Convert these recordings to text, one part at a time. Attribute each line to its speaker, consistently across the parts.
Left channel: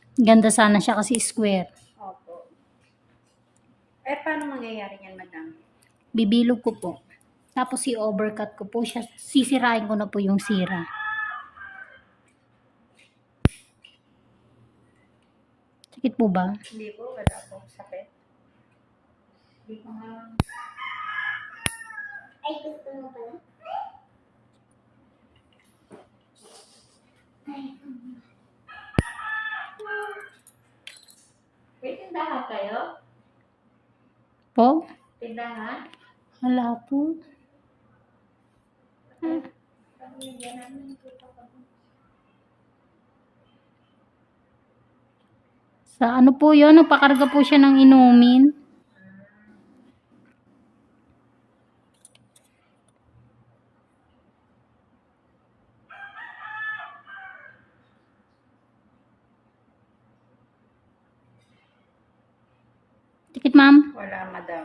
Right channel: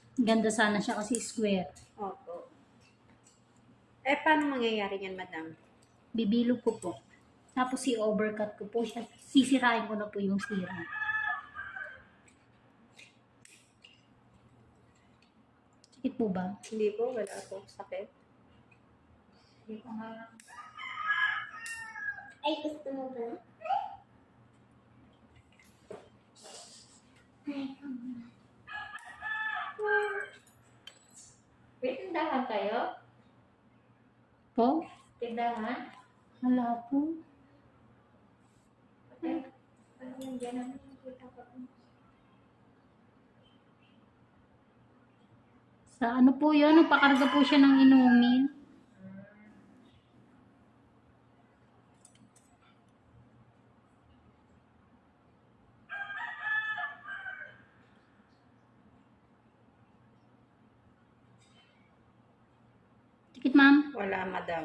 Speaker 1: Ganda sana siya kasi square.
Speaker 2: Opo. Eh, paano mangyayari yan, madam?
Speaker 1: Bibilog ko po. Tapos i-overcut ko po siya. Sisirain ko na po yung sira. Sakit po ba?
Speaker 2: Hindi po, wala po sakit.
Speaker 1: Hindi ko nga.
Speaker 3: Ay, gusto mo pala? Ay,
Speaker 4: May tindahan kayo?
Speaker 1: Po?
Speaker 4: Tindahan?
Speaker 1: Wala po.
Speaker 4: Parang nandiyan namin kita pa.
Speaker 1: Sa ano po yun? Nagpakarga po siya ng inumin. Tikit, ma'am.
Speaker 2: Wala, madam.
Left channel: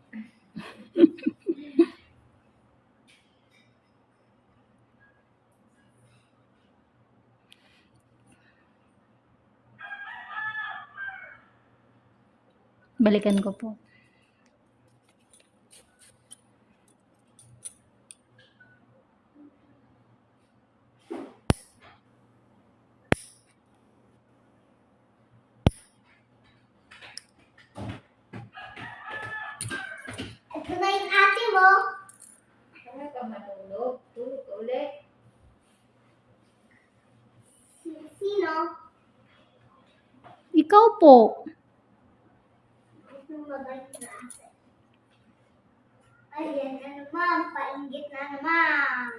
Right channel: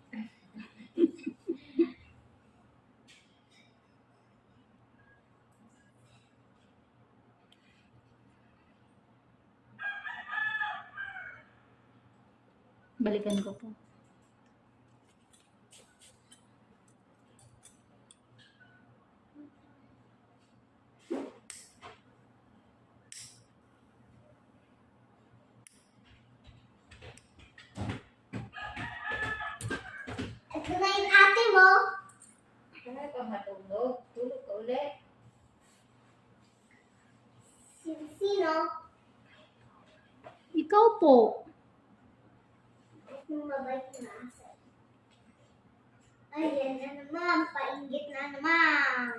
Speaker 1: Balikan ko po.
Speaker 3: ito na yung ate mo.
Speaker 4: Wala ka matulog. Tulog ka ulit.
Speaker 3: Sino?
Speaker 1: Ikaw po.
Speaker 3: Yung mabait na ate. Ayan na naman, painggit na naman.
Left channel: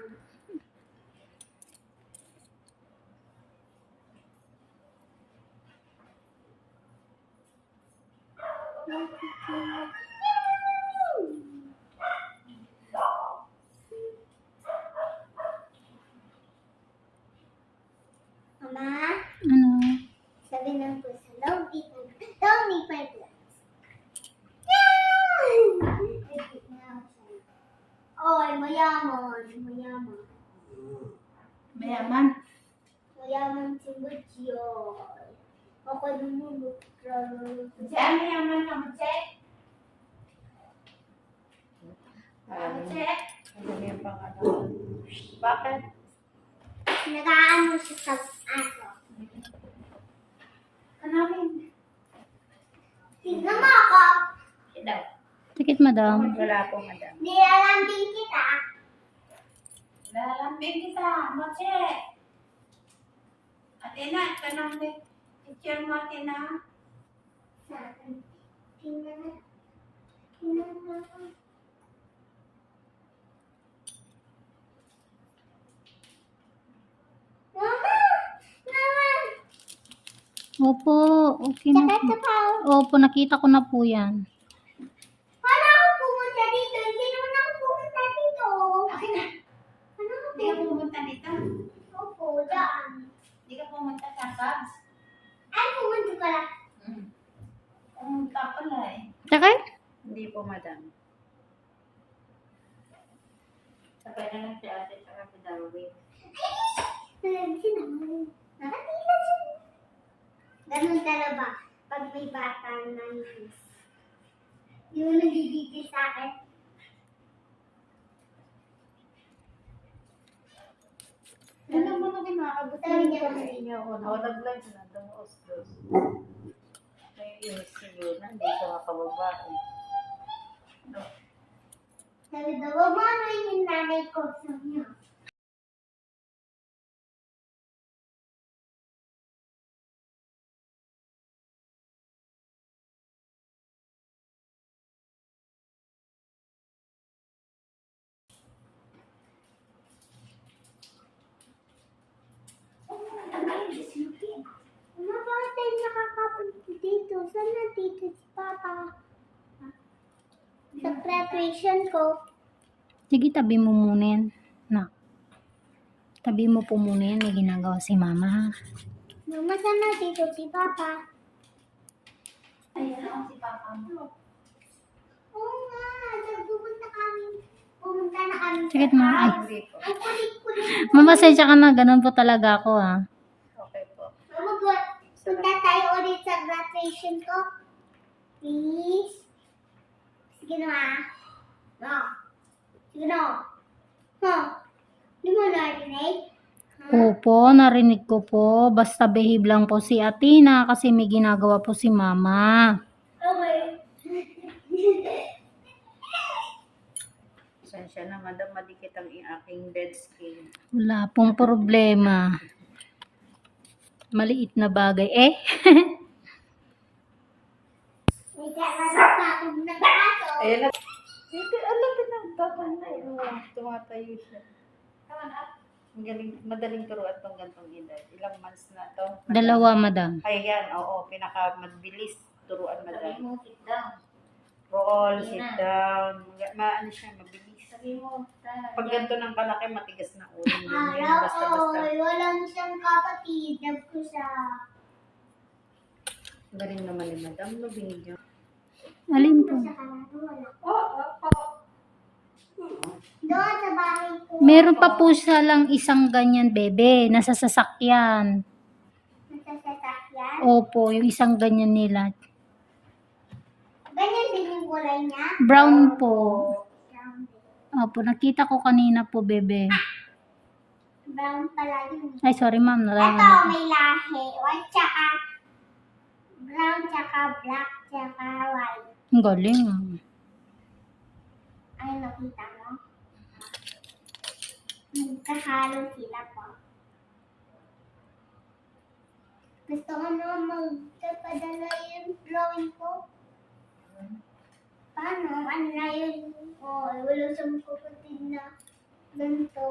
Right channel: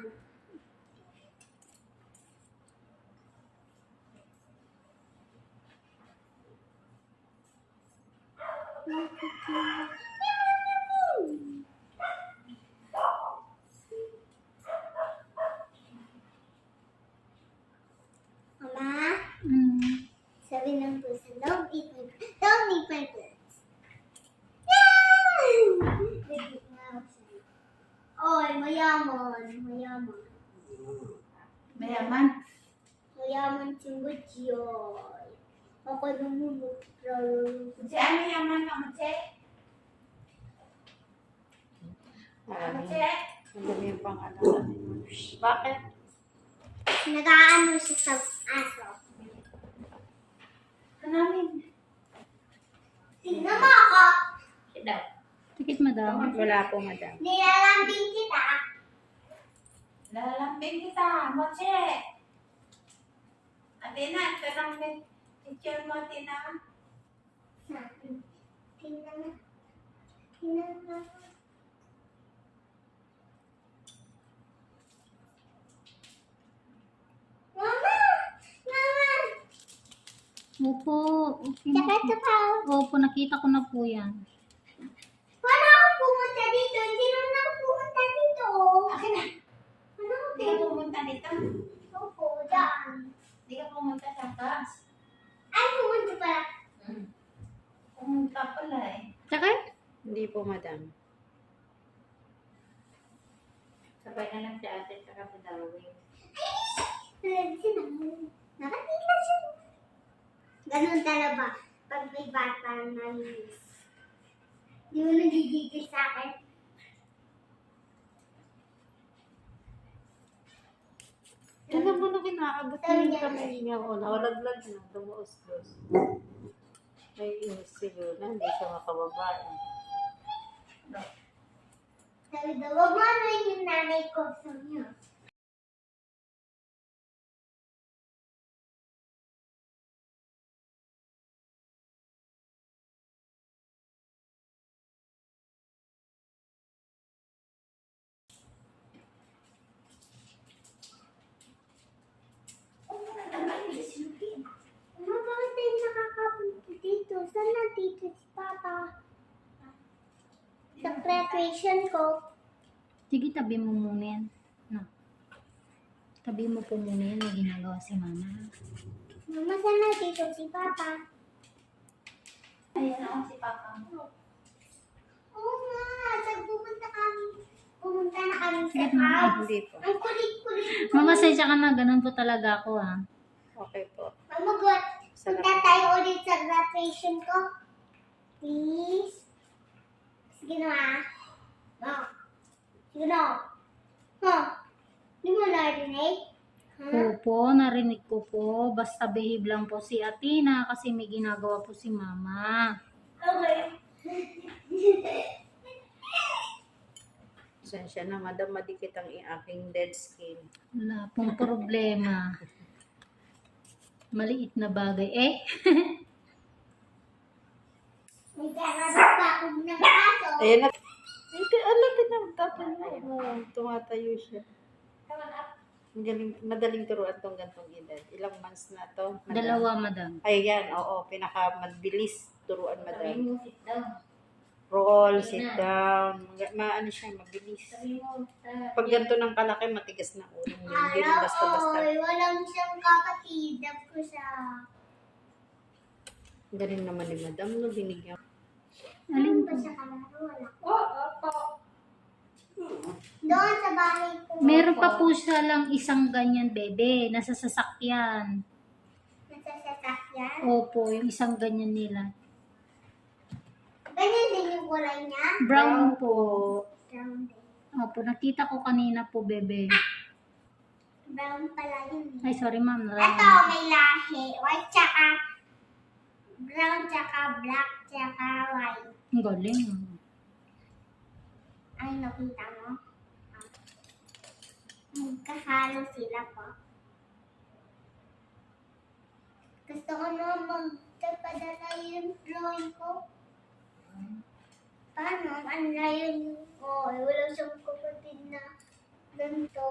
Speaker 3: Mama,
Speaker 1: Ano?
Speaker 3: sabi ng puso, don't eat my plants. Yay! Repeat na outside. Oy, mayaman. Mayaman.
Speaker 4: Mayaman.
Speaker 3: Mayaman si Butchoy. Ako namumukro.
Speaker 4: Diyan mayaman ka mo, Che? Ano, Che?
Speaker 2: Madam yung pang ano. Bakit?
Speaker 3: Nag-aano siya sa aso.
Speaker 4: Kanamin.
Speaker 3: Tingnan mo ako.
Speaker 4: Daw.
Speaker 1: Tikit, madam.
Speaker 2: Wala po, madam.
Speaker 3: Nilalambing kita.
Speaker 4: Lalambing kita, mo, Che. Atina, ito nang picture mo, Atina.
Speaker 3: Sa akin. Tingnan na. Tingnan na. Mama! Mama!
Speaker 1: Opo, okay na
Speaker 3: Sakit
Speaker 1: po.
Speaker 3: sa pao.
Speaker 1: Opo, nakita ko na po yan.
Speaker 3: Paano ako pumunta dito? Hindi naman ako pumunta dito.
Speaker 4: Akin na.
Speaker 3: Ano
Speaker 4: Hindi ka pumunta dito.
Speaker 3: Opo, daan.
Speaker 4: Hindi ka pumunta sa Cubs.
Speaker 3: Ay, pumunta pala.
Speaker 4: Pumunta pala eh.
Speaker 1: Sakit?
Speaker 2: Hindi po, madam.
Speaker 4: Sabay na lang si ate sa si Darwin.
Speaker 3: Nalagsin ako. Nakatila siya. Ganun talaga. Pag may bata na nangis. Yung nagigigil sa akin.
Speaker 2: Ano po na kinakagat
Speaker 3: Sabi
Speaker 2: yung
Speaker 3: niya,
Speaker 2: kamay niya ko? Naulaglag na, dumuos-dos. May inis siguro na, hindi siya makababae.
Speaker 3: Sabi daw, wag mo ano yung nanay ko. Sabi niya. Mama, bakit tayo nakakapunta dito? Saan nandito si Papa? Sa graduation ko.
Speaker 1: Sige, tabi mo muna yan. Na. Tabi mo po muna yan. May ginagawa si mama, ha?
Speaker 3: Mama, saan nandito si Papa?
Speaker 4: Ayan ako si Papa mo.
Speaker 3: Oo nga, saan pupunta kami? Pumunta na kami sa
Speaker 1: Sakit, mama.
Speaker 3: house.
Speaker 2: Hindi po.
Speaker 3: Ang kulit-kulit.
Speaker 1: Mama, sensya ka na. Ganun po talaga ako, ha?
Speaker 2: Okay po.
Speaker 3: Mama, what? Punta tayo ulit sa graduation ko. Please. Sige na ma. No. Sige na. Huh. Di mo narinig?
Speaker 1: Opo, narinig ko po. Basta behave lang po si Athena kasi may ginagawa po si Mama.
Speaker 3: Okay.
Speaker 2: Pasensya na, madam, madikit ang aking dead skin.
Speaker 1: Wala pong problema. Maliit na bagay.
Speaker 3: May kakaroon pa akong ng aso.
Speaker 2: Ayan na. Hindi, alam din ang tapang na yun. Tumatayo siya.
Speaker 3: Come on up.
Speaker 2: Ang galing, madaling turuan tong gantong edad. Ilang months na to? Madam?
Speaker 1: 2, madam.
Speaker 2: Ay, yan. Oo, pinakamabilis turuan,
Speaker 4: Sabi
Speaker 2: madam.
Speaker 4: mo, sit down.
Speaker 2: Roll,
Speaker 4: Ayun
Speaker 2: sit
Speaker 4: na.
Speaker 2: down. Maano siya, mabilis.
Speaker 4: Sabi mo,
Speaker 2: Pag ganito ng kalaki, matigas na ulo. Hindi
Speaker 3: Hello,
Speaker 2: basta-basta.
Speaker 3: walang siyang kapatid. Dab ko siya.
Speaker 2: Galing naman ni madam, no? Binigyan.
Speaker 1: Alin
Speaker 3: Ba
Speaker 1: po?
Speaker 3: siya kalaro? Wala. Doon sa bahay ko.
Speaker 1: Meron pa po siya lang isang ganyan, bebe. Nasa sasakyan.
Speaker 3: Nasa sasakyan.
Speaker 1: Opo, yung isang ganyan nila.
Speaker 3: Ganyan din yung kulay niya.
Speaker 1: Brown po.
Speaker 3: Brown din.
Speaker 1: Opo, nakita ko kanina po, bebe.
Speaker 3: Brown pala yun.
Speaker 1: Ay, sorry ma'am.
Speaker 3: Ito,
Speaker 1: Nalaman.
Speaker 3: may lahi. White tsaka brown tsaka black tsaka white.
Speaker 1: Ang galing.
Speaker 3: Ay, nakita mo? Magkahalo sila po. Gusto ko na magpapadala yung drawing ko. Paano? Ano na yun? Oh, wala siyang kapatid na ganito.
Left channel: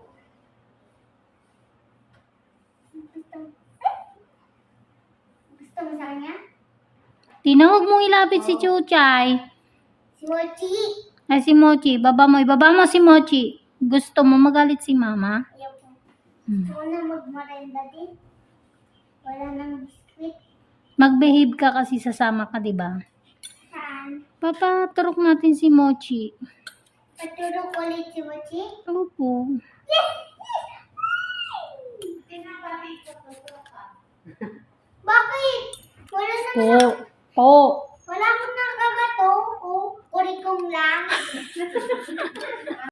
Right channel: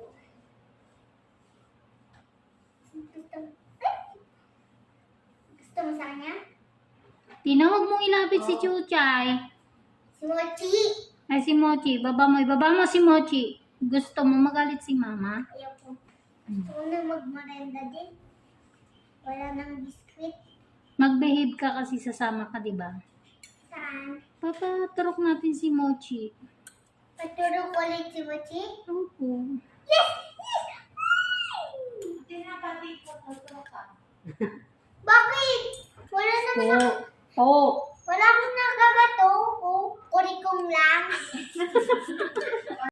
Speaker 3: Gusto mo sa kanya?
Speaker 1: Tinawag mong ilapit si Chuchay.
Speaker 3: Si Mochi!
Speaker 1: Ay, si Mochi. Ibaba mo si Mochi. Gusto mo magalit si Mama?
Speaker 3: Ayaw ko.
Speaker 1: Hmm.
Speaker 3: Gusto ko na magmarenda din. Wala nang biskuit.
Speaker 1: Mag-behave ka kasi sasama ka, di ba?
Speaker 3: Saan?
Speaker 1: Papaturok natin si Mochi.
Speaker 3: Patulog ulit si Mochi?
Speaker 1: Opo.
Speaker 3: Yes! Yes!
Speaker 4: tinapatid ko, tutulog ka.
Speaker 3: Bakit? Wala naman
Speaker 1: Po. Po.